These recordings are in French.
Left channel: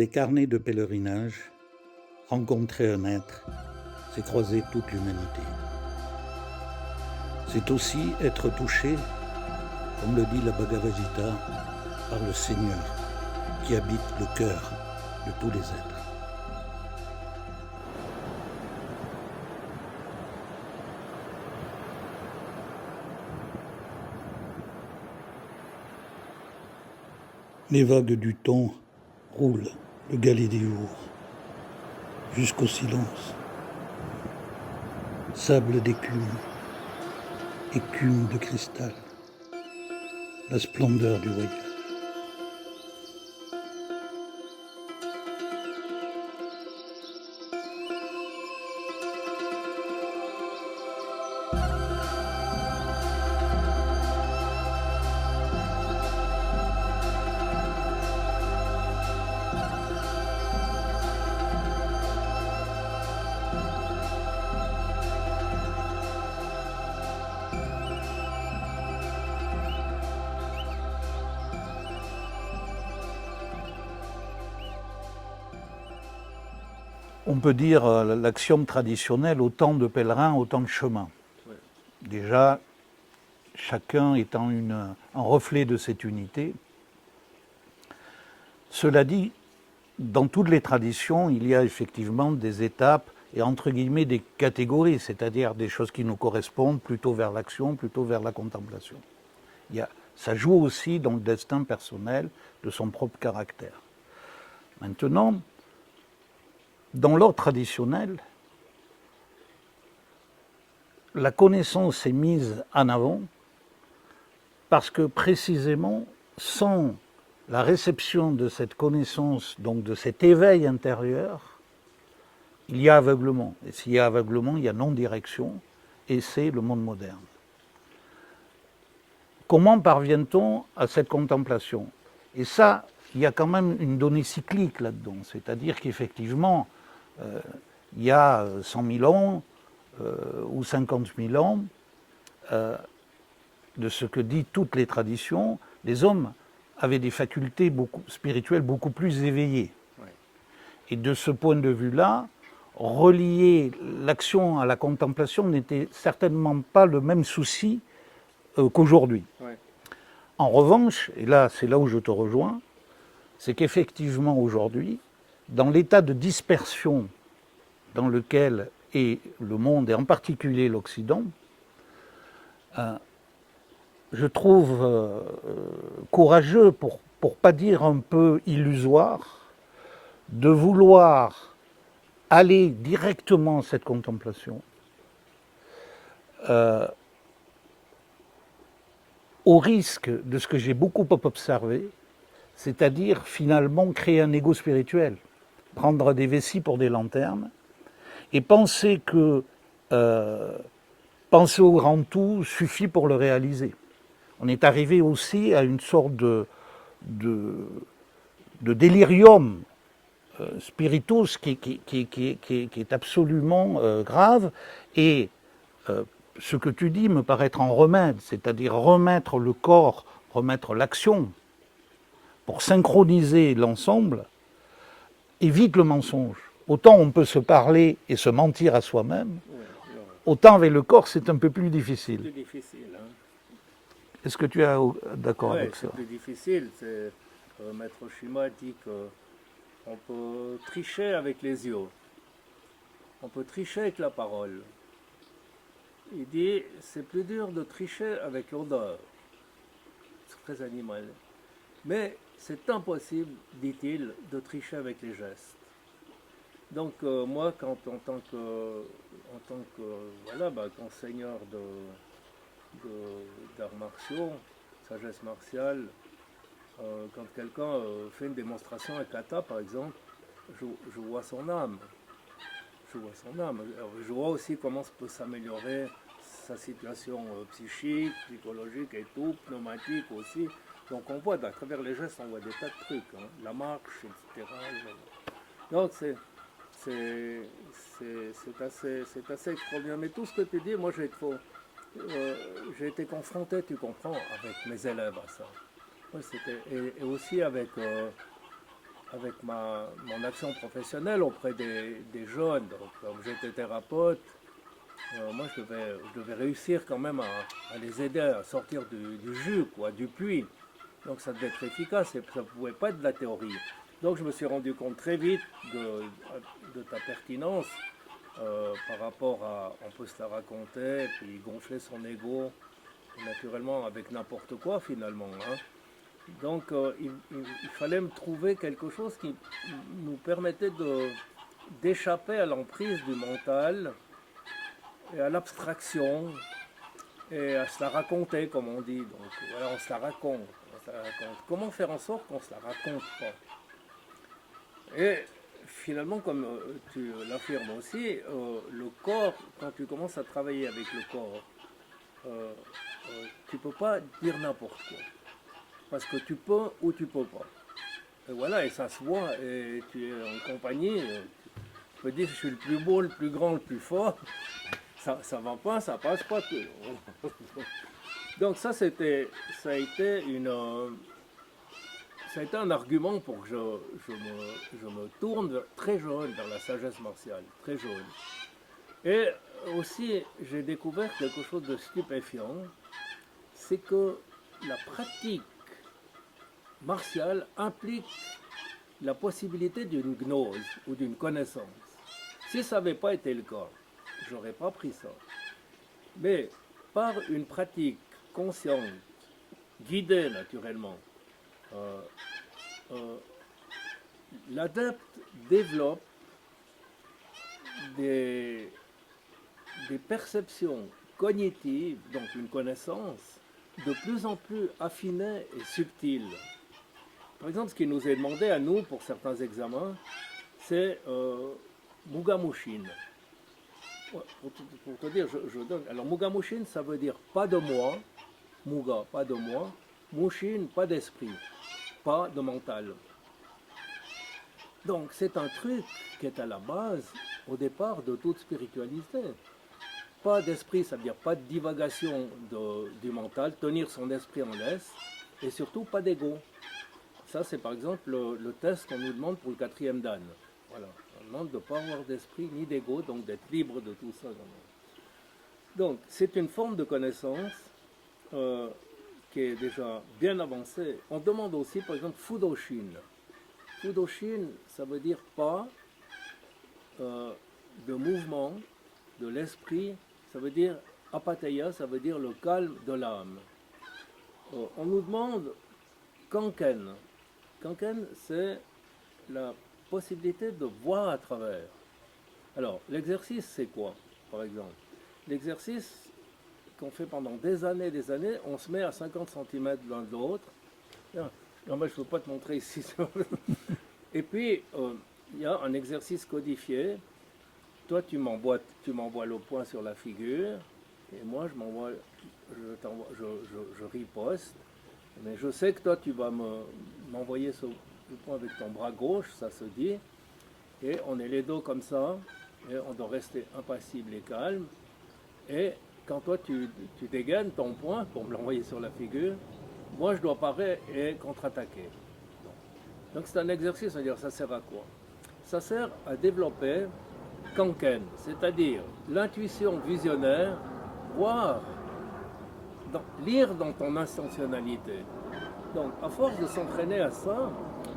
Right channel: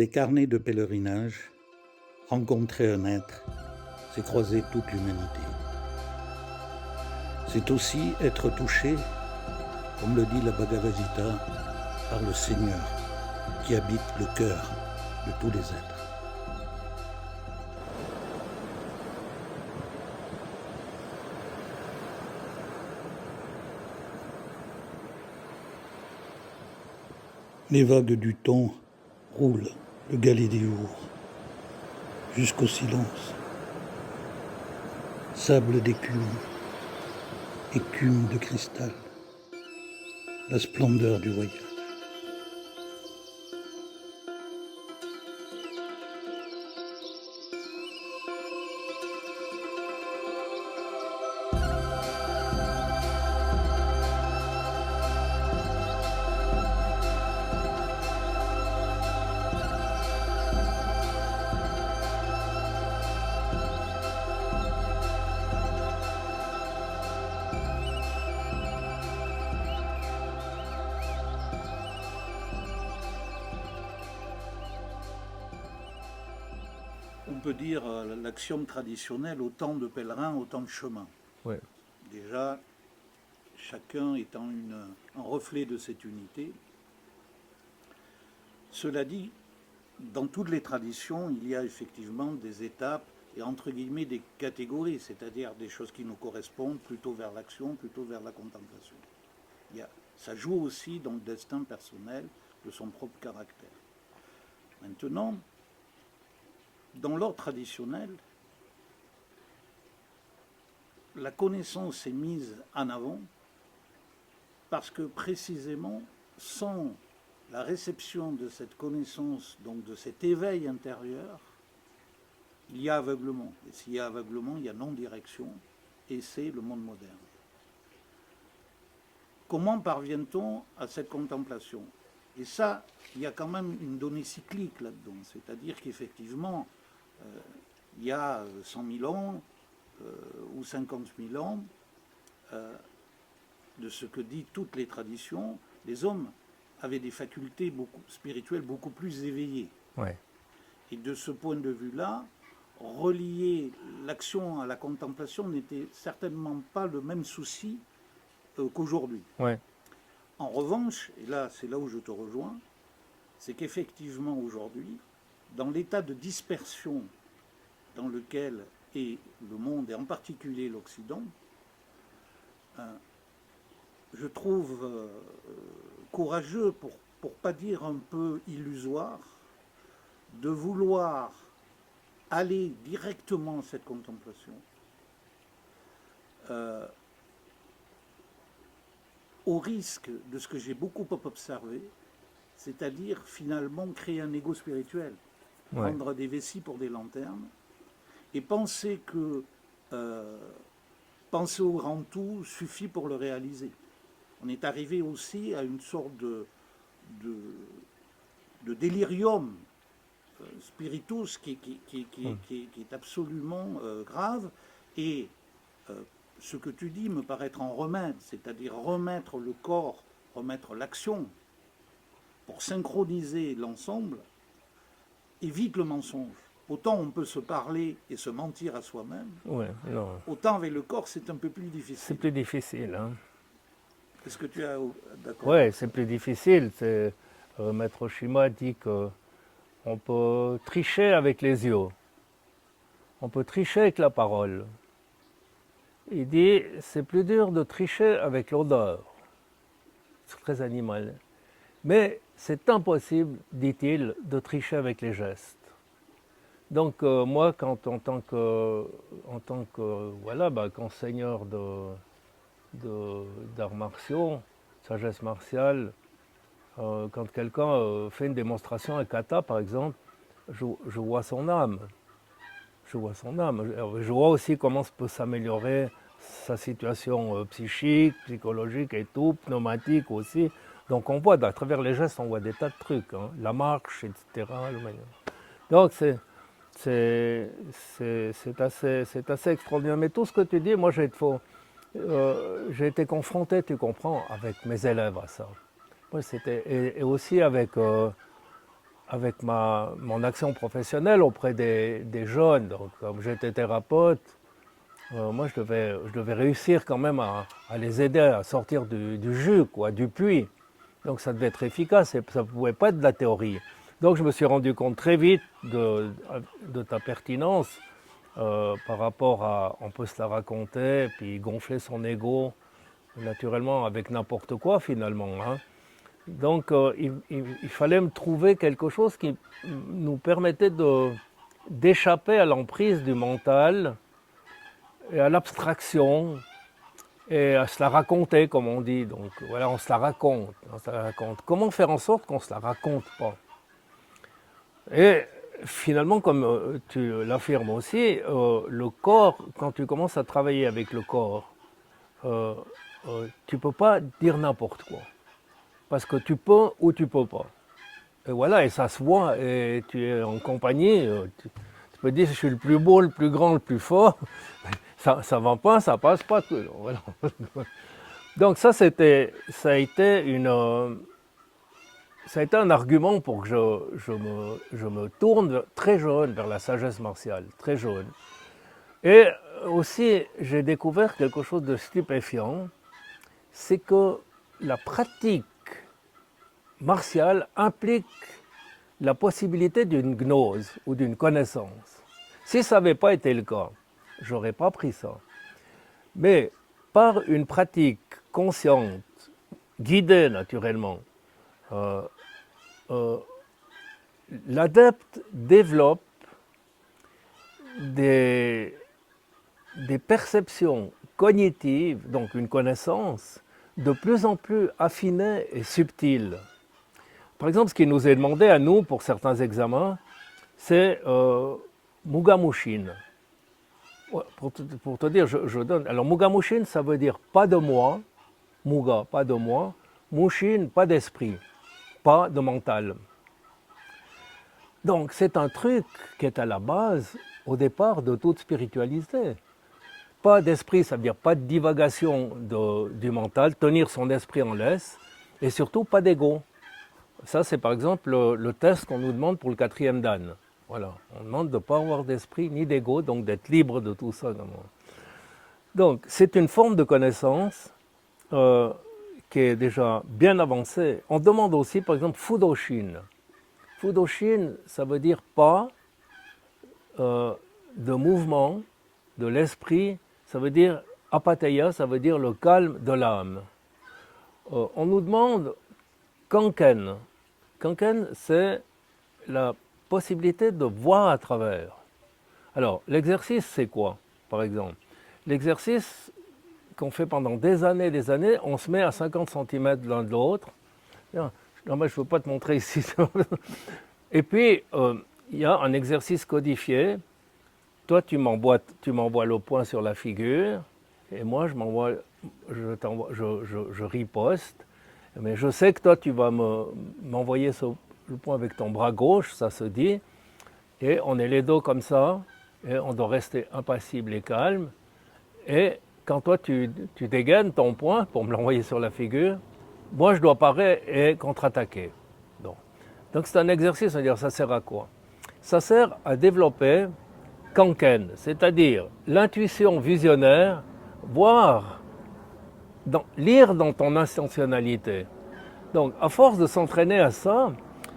Des carnets de pèlerinage, rencontrer un être, c'est croiser toute l'humanité. C'est aussi être touché, comme le dit la Bhagavad Gita, par le Seigneur qui habite le cœur de tous les êtres. Les vagues du temps roulent le galet des jours jusqu'au silence. Sable d'écume, écume de cristal, la splendeur du voyage. On peut dire l'axiome traditionnel, autant de pèlerins, autant de chemins. Ouais. Déjà, chacun étant un reflet de cette unité. Cela dit, dans toutes les traditions, il y a effectivement des étapes et entre guillemets des catégories, c'est-à-dire des choses qui nous correspondent plutôt vers l'action, plutôt vers la contemplation. Ça joue aussi dans le destin personnel de son propre caractère. Maintenant, dans l'ordre traditionnel, la connaissance est mise en avant parce que précisément, sans la réception de cette connaissance, donc de cet éveil intérieur, il y a aveuglement. Et s'il y a aveuglement, il y a non-direction, et c'est le monde moderne. Comment parvient-on à cette contemplation? Et ça, il y a quand même une donnée cyclique là-dedans, c'est-à-dire qu'effectivement, il y a 100 000 ans ou 50 000 ans, de ce que disent toutes les traditions, les hommes avaient des facultés spirituelles beaucoup plus éveillées. Ouais. Et de ce point de vue-là, relier l'action à la contemplation n'était certainement pas le même souci qu'aujourd'hui. Ouais. En revanche, et là c'est là où je te rejoins, c'est qu'effectivement aujourd'hui, dans l'état de dispersion dans lequel est le monde, et en particulier l'Occident, je trouve courageux, pour pas dire un peu illusoire, de vouloir aller directement à cette contemplation, au risque de ce que j'ai beaucoup observé, c'est-à-dire finalement créer un ego spirituel, prendre des vessies pour des lanternes, et penser que penser au grand tout suffit pour le réaliser. On est arrivé aussi à une sorte de délirium spiritus qui est absolument grave, et ce que tu dis me paraît être en remède, c'est-à-dire remettre le corps, remettre l'action, pour synchroniser l'ensemble, évite le mensonge. Autant on peut se parler et se mentir à soi-même, autant avec le corps c'est un peu plus difficile. C'est plus difficile. Hein. Est-ce que tu es d'accord avec ça? Oui, c'est plus difficile. Maître Shima dit qu'on peut tricher avec les yeux, on peut tricher avec la parole. Il dit c'est plus dur de tricher avec l'odeur. C'est très animal. Mais c'est impossible, dit-il, de tricher avec les gestes. Donc moi, en tant que voilà, qu'enseigneur d'arts martiaux, sagesse martiale, quand quelqu'un fait une démonstration à kata, par exemple, je vois son âme. Je vois son âme. Je vois aussi comment peut s'améliorer sa situation psychique, psychologique et tout, pneumatique aussi. Donc on voit, à travers les gestes, on voit des tas de trucs, hein, la marche, etc. Donc c'est assez extraordinaire. Mais tout ce que tu dis, moi j'ai été confronté, tu comprends, avec mes élèves à ça. Ouais, et aussi avec avec mon action professionnelle auprès des jeunes. Donc, comme j'étais thérapeute, moi, je devais réussir quand même à les aider à sortir du jus, quoi, du puits. Donc, ça devait être efficace, et ça ne pouvait pas être de la théorie. Donc, je me suis rendu compte très vite de ta pertinence par rapport à on peut se la raconter, puis gonfler son ego, naturellement, avec n'importe quoi, finalement. Hein. Donc, il fallait me trouver quelque chose qui nous permettait d'échapper à l'emprise du mental et à l'abstraction et à se la raconter, comme on dit. Donc, voilà, on se la raconte. On se la raconte. Comment faire en sorte qu'on ne se la raconte pas? Et finalement, comme tu l'affirmes aussi, le corps, quand tu commences à travailler avec le corps, tu ne peux pas dire n'importe quoi. Parce que tu peux ou tu ne peux pas. Et voilà, et ça se voit, et tu es en compagnie, tu peux dire je suis le plus beau, le plus grand, le plus fort, ça ne va pas, ça passe pas. Voilà. Donc ça a été un argument pour que je me tourne très jeune vers la sagesse martiale, très jeune. Et aussi, j'ai découvert quelque chose de stupéfiant, c'est que la pratique martiale implique la possibilité d'une gnose ou d'une connaissance. Si ça n'avait pas été le cas, je n'aurais pas pris ça. Mais par une pratique consciente, guidée naturellement, l'adepte développe des perceptions cognitives, donc une connaissance, de plus en plus affinée et subtile. Par exemple, ce qui nous est demandé à nous pour certains examens, c'est Mugamushin. Pour te dire, je donne. Alors, Mugamushin, ça veut dire pas de moi, Muga, pas de moi, Mushin, pas d'esprit, pas de mental. Donc, c'est un truc qui est à la base, au départ, de toute spiritualité. Pas d'esprit, ça veut dire pas de divagation du mental, tenir son esprit en laisse, et surtout pas d'ego. Ça, c'est par exemple le test qu'on nous demande pour le 4e dan. Voilà. On demande de ne pas avoir d'esprit ni d'ego, donc d'être libre de tout ça. Donc, c'est une forme de connaissance qui est déjà bien avancée. On demande aussi, par exemple, Fudoshin. Fudoshin, ça veut dire pas de mouvement de l'esprit, ça veut dire apatheia, ça veut dire le calme de l'âme. On nous demande Kanken. Kanken, c'est la possibilité de voir à travers. Alors, l'exercice, c'est quoi, par exemple? L'exercice qu'on fait pendant des années, on se met à 50 cm l'un de l'autre. Non, mais je ne peux pas te montrer ici. Et puis, il y a un exercice codifié. Toi, tu m'envoies le point sur la figure, et moi, je riposte. Mais je sais que toi, tu vas m'envoyer le point avec ton bras gauche, ça se dit. Et on est les dos comme ça, et on doit rester impassible et calme. Et quand toi, tu dégaines ton point pour me l'envoyer sur la figure, moi, je dois parer et contre-attaquer. Donc c'est un exercice, c'est-à-dire ça sert à quoi? Ça sert à développer Kanken, c'est-à-dire l'intuition visionnaire, lire dans ton intentionnalité. Donc à force de s'entraîner à ça,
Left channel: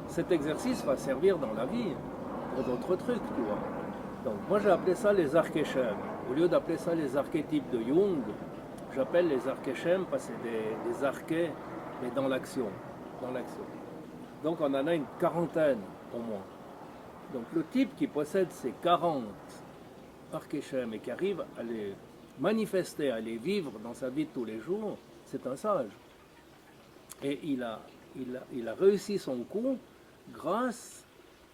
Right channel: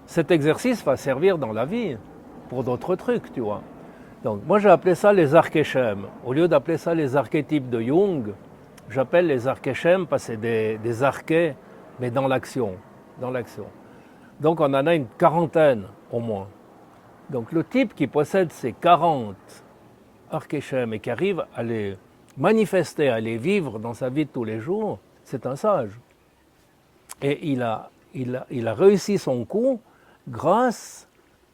cet exercice va servir dans la vie pour d'autres trucs, tu vois. Donc moi j'ai appelé ça les archéschèmes. Au lieu d'appeler ça les archétypes de Jung, j'appelle les archéschèmes parce que c'est des archés, mais dans l'action. Donc on en a une quarantaine au moins. Donc le type qui possède ces 40 archéschèmes et qui arrive à les manifester, à les vivre dans sa vie de tous les jours, c'est un sage. Et il a réussi son coup grâce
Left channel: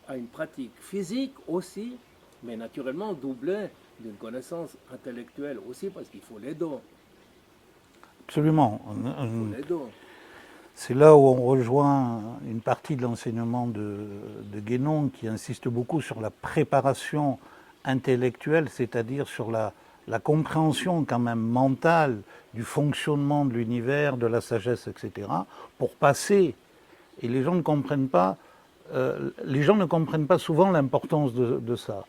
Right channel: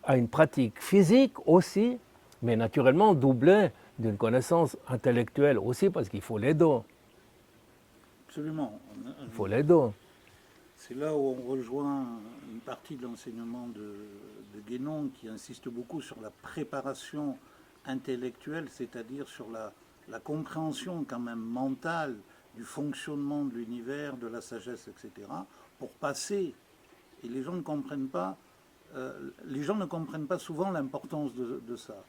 à une pratique physique aussi, mais naturellement doublée d'une connaissance intellectuelle aussi, parce qu'il faut les dos. Absolument. Il faut les dos. C'est là où on rejoint une partie de l'enseignement de Guénon qui insiste beaucoup sur la préparation intellectuelle, c'est-à-dire sur la compréhension quand même mentale du fonctionnement de l'univers, de la sagesse, etc., pour passer, et les gens ne comprennent pas, les gens ne comprennent pas souvent l'importance de ça.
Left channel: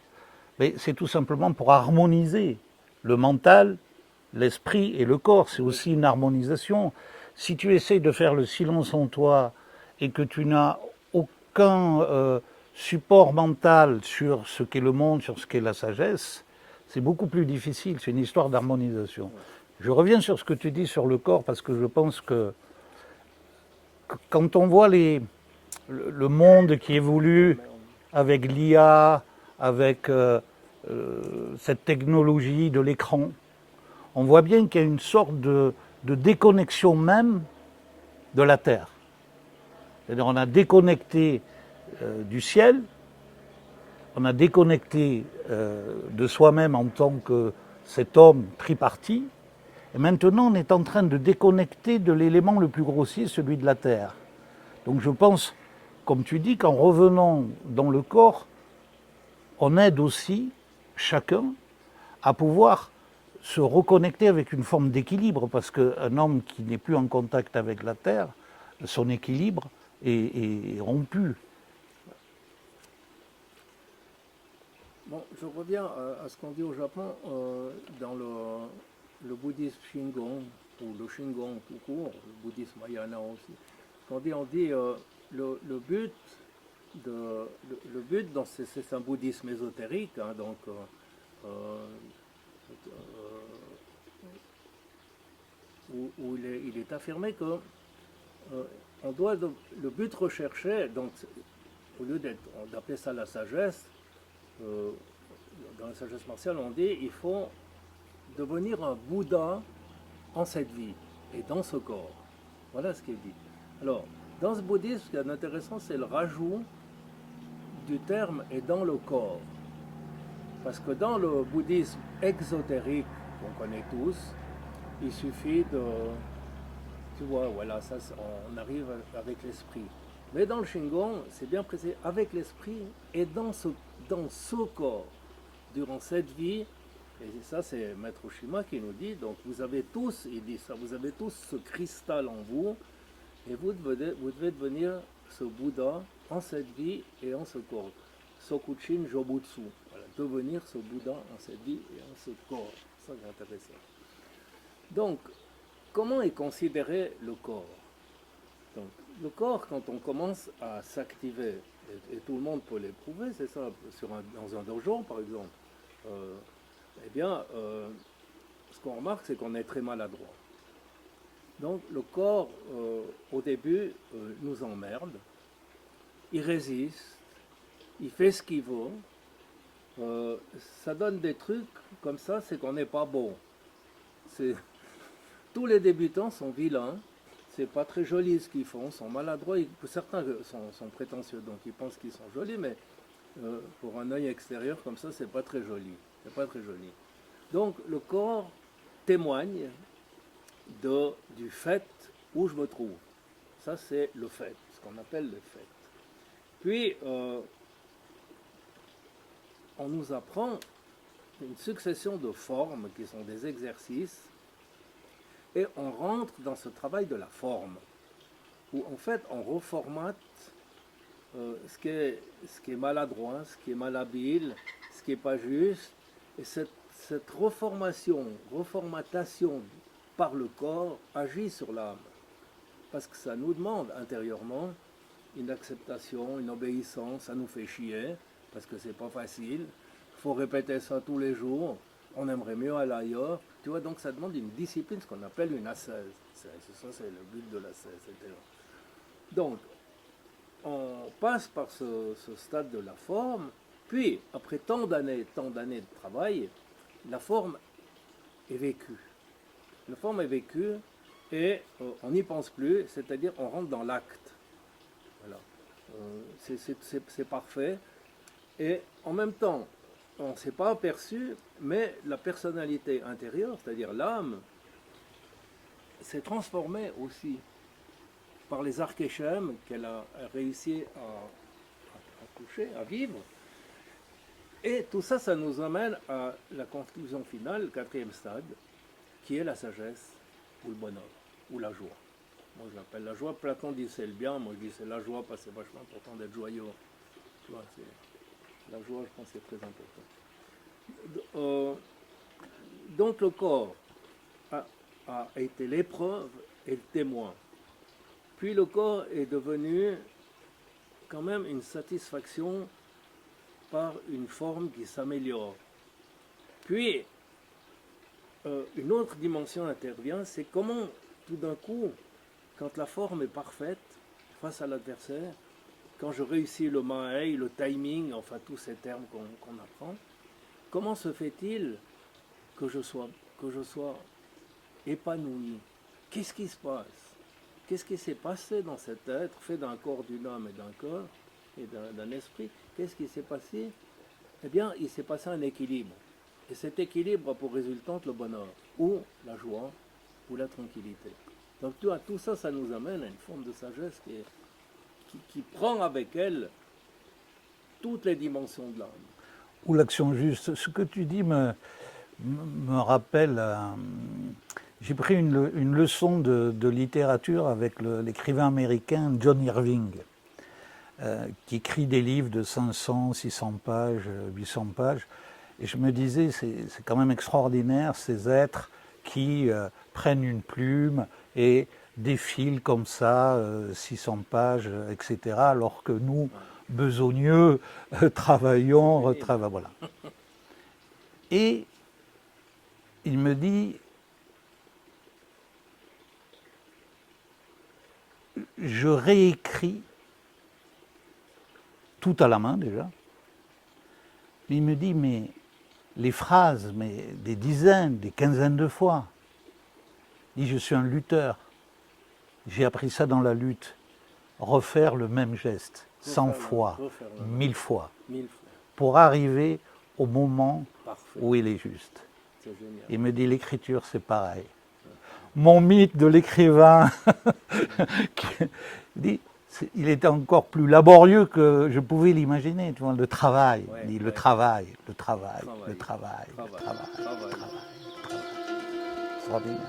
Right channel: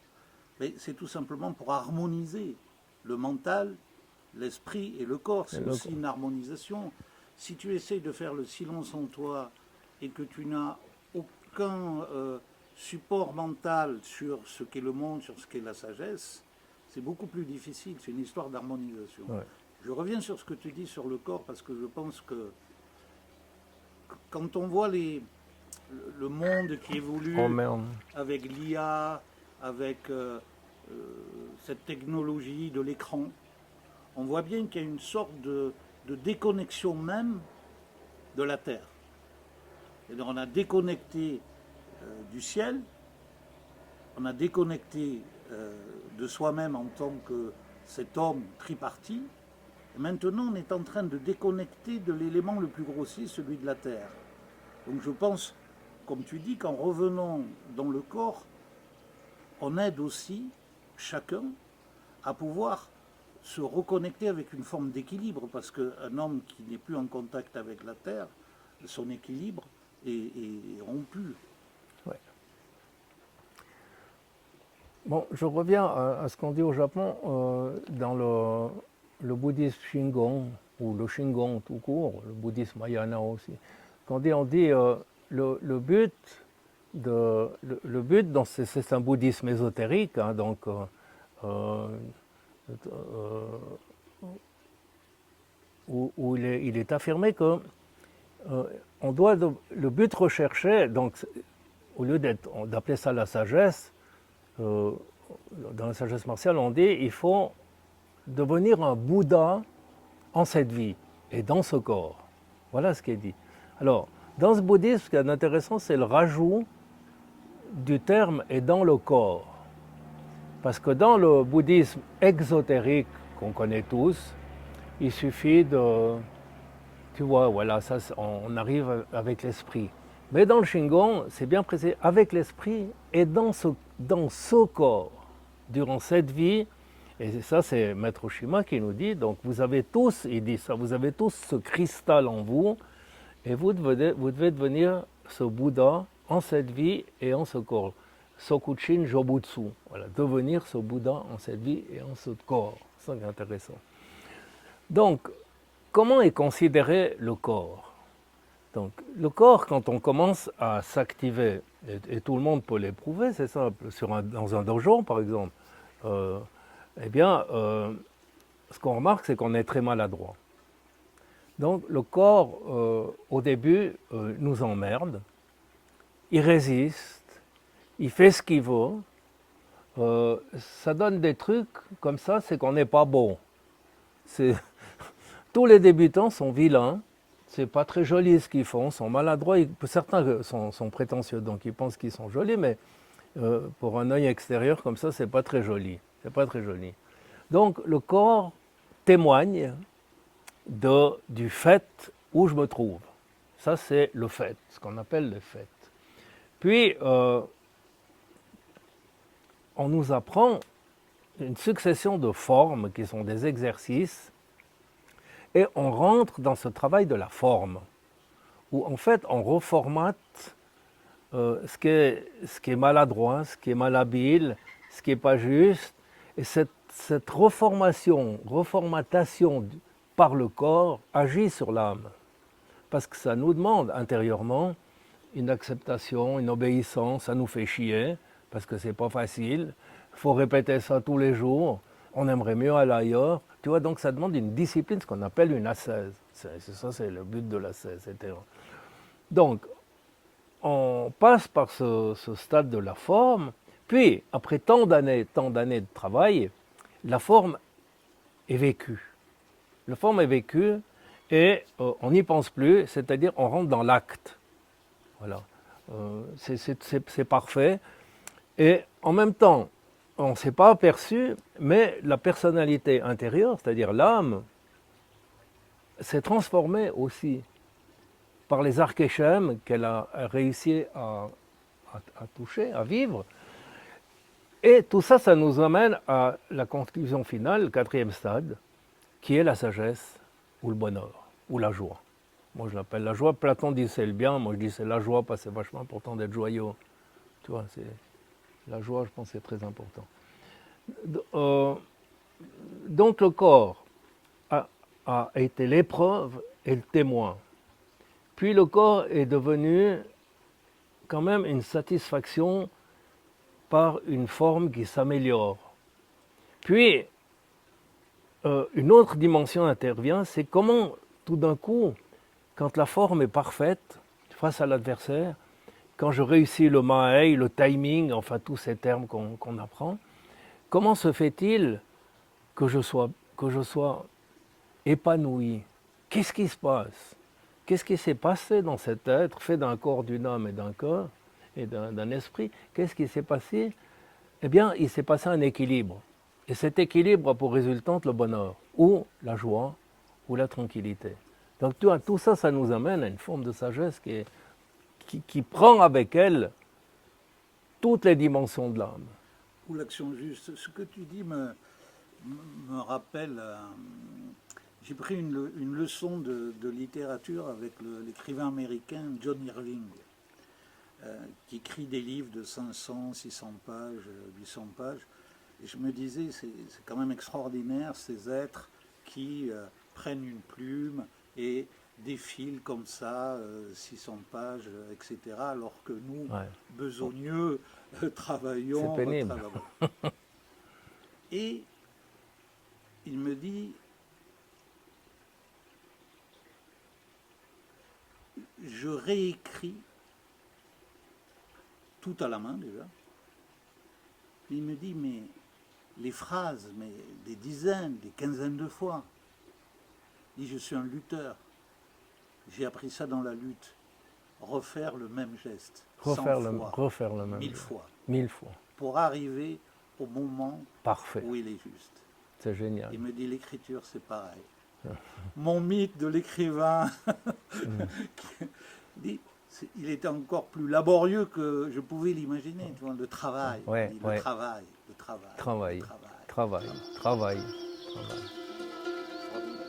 Mais c'est tout simplement pour harmoniser le mental, l'esprit et le corps. C'est aussi une harmonisation. Si tu essayes de faire le silence en toi et que tu n'as aucun support mental sur ce qu'est le monde, sur ce qu'est la sagesse, c'est beaucoup plus difficile. C'est une histoire d'harmonisation. Ouais. Je reviens sur ce que tu dis sur le corps parce que je pense que quand on voit le monde qui évolue avec l'IA, avec cette technologie de l'écran, on voit bien qu'il y a une sorte de déconnexion même de la Terre. C'est-à-dire on a déconnecté du ciel, on a déconnecté de soi-même en tant que cet homme tripartite, et maintenant on est en train de déconnecter de l'élément le plus grossier, celui de la Terre. Donc je pense, comme tu dis, qu'en revenant dans le corps, on aide aussi chacun à pouvoir se reconnecter avec une forme d'équilibre, parce qu'un homme qui n'est plus en contact avec la Terre, son équilibre est rompu. Ouais. Bon, je reviens à ce qu'on dit au Japon, dans le bouddhisme Shingon, ou le Shingon tout court, le bouddhisme Mahayana aussi. On dit le but, c'est un bouddhisme ésotérique, hein, donc où il est affirmé que on doit le but recherché, donc au lieu d'appeler ça la sagesse, dans la sagesse martiale on dit il faut devenir un Bouddha en cette vie et dans ce corps. Voilà ce qui est dit. Alors, dans ce bouddhisme, ce qui est intéressant, c'est le rajout du terme « et dans le corps ». Parce que dans le bouddhisme exotérique qu'on connaît tous, il suffit de... Tu vois, voilà, ça, on arrive avec l'esprit. Mais dans le Shingon, c'est bien précisé, avec l'esprit et dans ce corps, durant cette vie. Et ça, c'est Maître Shima qui nous dit, donc vous avez tous, il dit ça, vous avez tous ce cristal en vous, et vous devez devenir ce Bouddha en cette vie et en ce corps. Sokuchin Jobutsu. Voilà, devenir ce Bouddha en cette vie et en ce corps. Ça, c'est intéressant. Donc, comment est considéré le corps? Donc, le corps, quand on commence à s'activer, et tout le monde peut l'éprouver, c'est ça, dans un dojo par exemple, eh bien, ce qu'on remarque, c'est qu'on est très maladroit. Donc, le corps, au début, nous emmerde, il résiste, il fait ce qu'il veut, ça donne des trucs comme ça, c'est qu'on n'est pas bon. Tous les débutants sont vilains, c'est pas très joli ce qu'ils font, sont maladroits, certains sont prétentieux, donc ils pensent qu'ils sont jolis, mais pour un œil extérieur comme ça, c'est pas très joli. C'est pas très joli. Donc le corps témoigne du fait où je me trouve. Ça, c'est le fait, ce qu'on appelle le fait. Puis, on nous apprend une succession de formes qui sont des exercices et on rentre dans ce travail de la forme où, en fait, on reformate ce qui est maladroit, ce qui est malhabile, ce qui n'est pas juste. Et cette reformatation par le corps agit sur l'âme. Parce que ça nous demande intérieurement une acceptation, une obéissance, ça nous fait chier, parce que c'est pas facile. Il faut répéter ça tous les jours, on aimerait mieux aller ailleurs. Tu vois, donc ça demande une discipline, ce qu'on appelle une ascèse. Ça, c'est le but de l'ascèse, etc. Donc, on passe par ce stade de la forme, puis, après tant d'années de travail, la forme est vécue. La forme est vécue et on n'y pense plus, c'est-à-dire on rentre dans l'acte. Voilà. C'est parfait. Et en même temps, on ne s'est pas aperçu, mais la personnalité intérieure, c'est-à-dire l'âme, s'est transformée aussi par les archéchèmes qu'elle a réussi à toucher, à vivre. Et tout ça, ça nous amène à la conclusion finale, le quatrième stade, qui est la sagesse, ou le bonheur, ou la joie. Moi, je l'appelle la joie. Platon dit c'est le bien. Moi, je dis c'est la joie parce que c'est vachement important d'être joyeux. Tu vois, c'est la joie, je pense, c'est très important. Donc, le corps a été l'épreuve et le témoin. Puis, le corps est devenu quand même une satisfaction par une forme qui s'améliore. Puis, une autre dimension intervient, c'est comment, tout d'un coup, quand la forme est parfaite face à l'adversaire, quand je réussis le mahei, le timing, enfin tous ces termes qu'on apprend, comment se fait-il que je sois épanoui? Qu'est-ce qui se passe? Qu'est-ce qui s'est passé dans cet être fait d'un corps, d'une âme et d'un corps et d'un esprit? Qu'est-ce qui s'est passé? Eh bien, il s'est passé un équilibre. Et cet équilibre a pour résultante le bonheur, ou la joie, ou la tranquillité. Donc tu vois, tout ça, ça nous amène à une forme de sagesse qui prend avec elle toutes les dimensions de l'âme. Ou l'action juste. Ce que tu dis me rappelle... j'ai pris une leçon de littérature avec l'écrivain américain John Irving, qui écrit des livres de 500, 600 pages, 800 pages. Et je me disais, c'est quand même extraordinaire, ces êtres qui prennent une plume et défilent comme ça, 600 pages, etc., alors que nous, besogneux, travaillons, voilà. Et il me dit, je réécris tout à la main déjà. Il me dit, mais les phrases, mais des dizaines, des quinzaines de fois. Il dit, je suis un lutteur. J'ai appris ça dans la lutte. Refaire le même geste, 100 fois, 1000 fois. 1000 fois. Pour arriver au moment parfait où il est juste. C'est génial. Il me dit, l'écriture, c'est pareil. Mon mythe de l'écrivain, il était encore plus laborieux que je pouvais l'imaginer, tu vois, le travail. Le travail. Extraordinaire.